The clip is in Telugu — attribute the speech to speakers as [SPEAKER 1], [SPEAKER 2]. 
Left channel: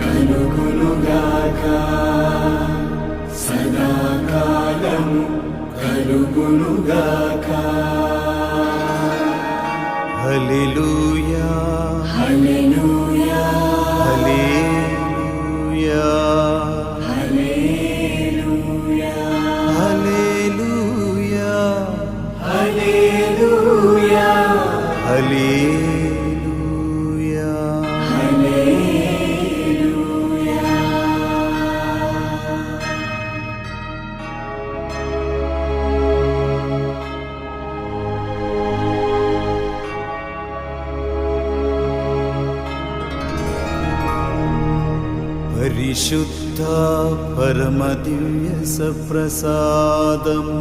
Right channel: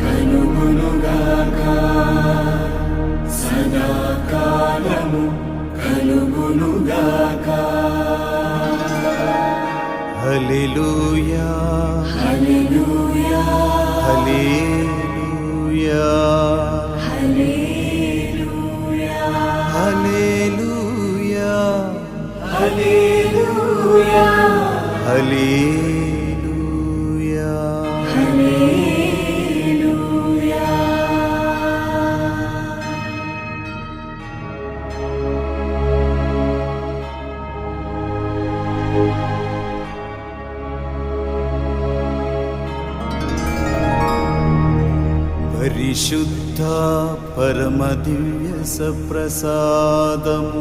[SPEAKER 1] కలుగునుగాక సదాకాలము కలుగునుగాక
[SPEAKER 2] హల్లెలూయా.
[SPEAKER 1] హల్లెలూయా.
[SPEAKER 2] హల్లెలూయా.
[SPEAKER 1] హల్లెలూయా.
[SPEAKER 2] హల్లెలూయా.
[SPEAKER 1] హల్లెలూయా.
[SPEAKER 2] హల్లెలూయా. परिशुद्धा
[SPEAKER 1] परमदिव्य सप्रसादम्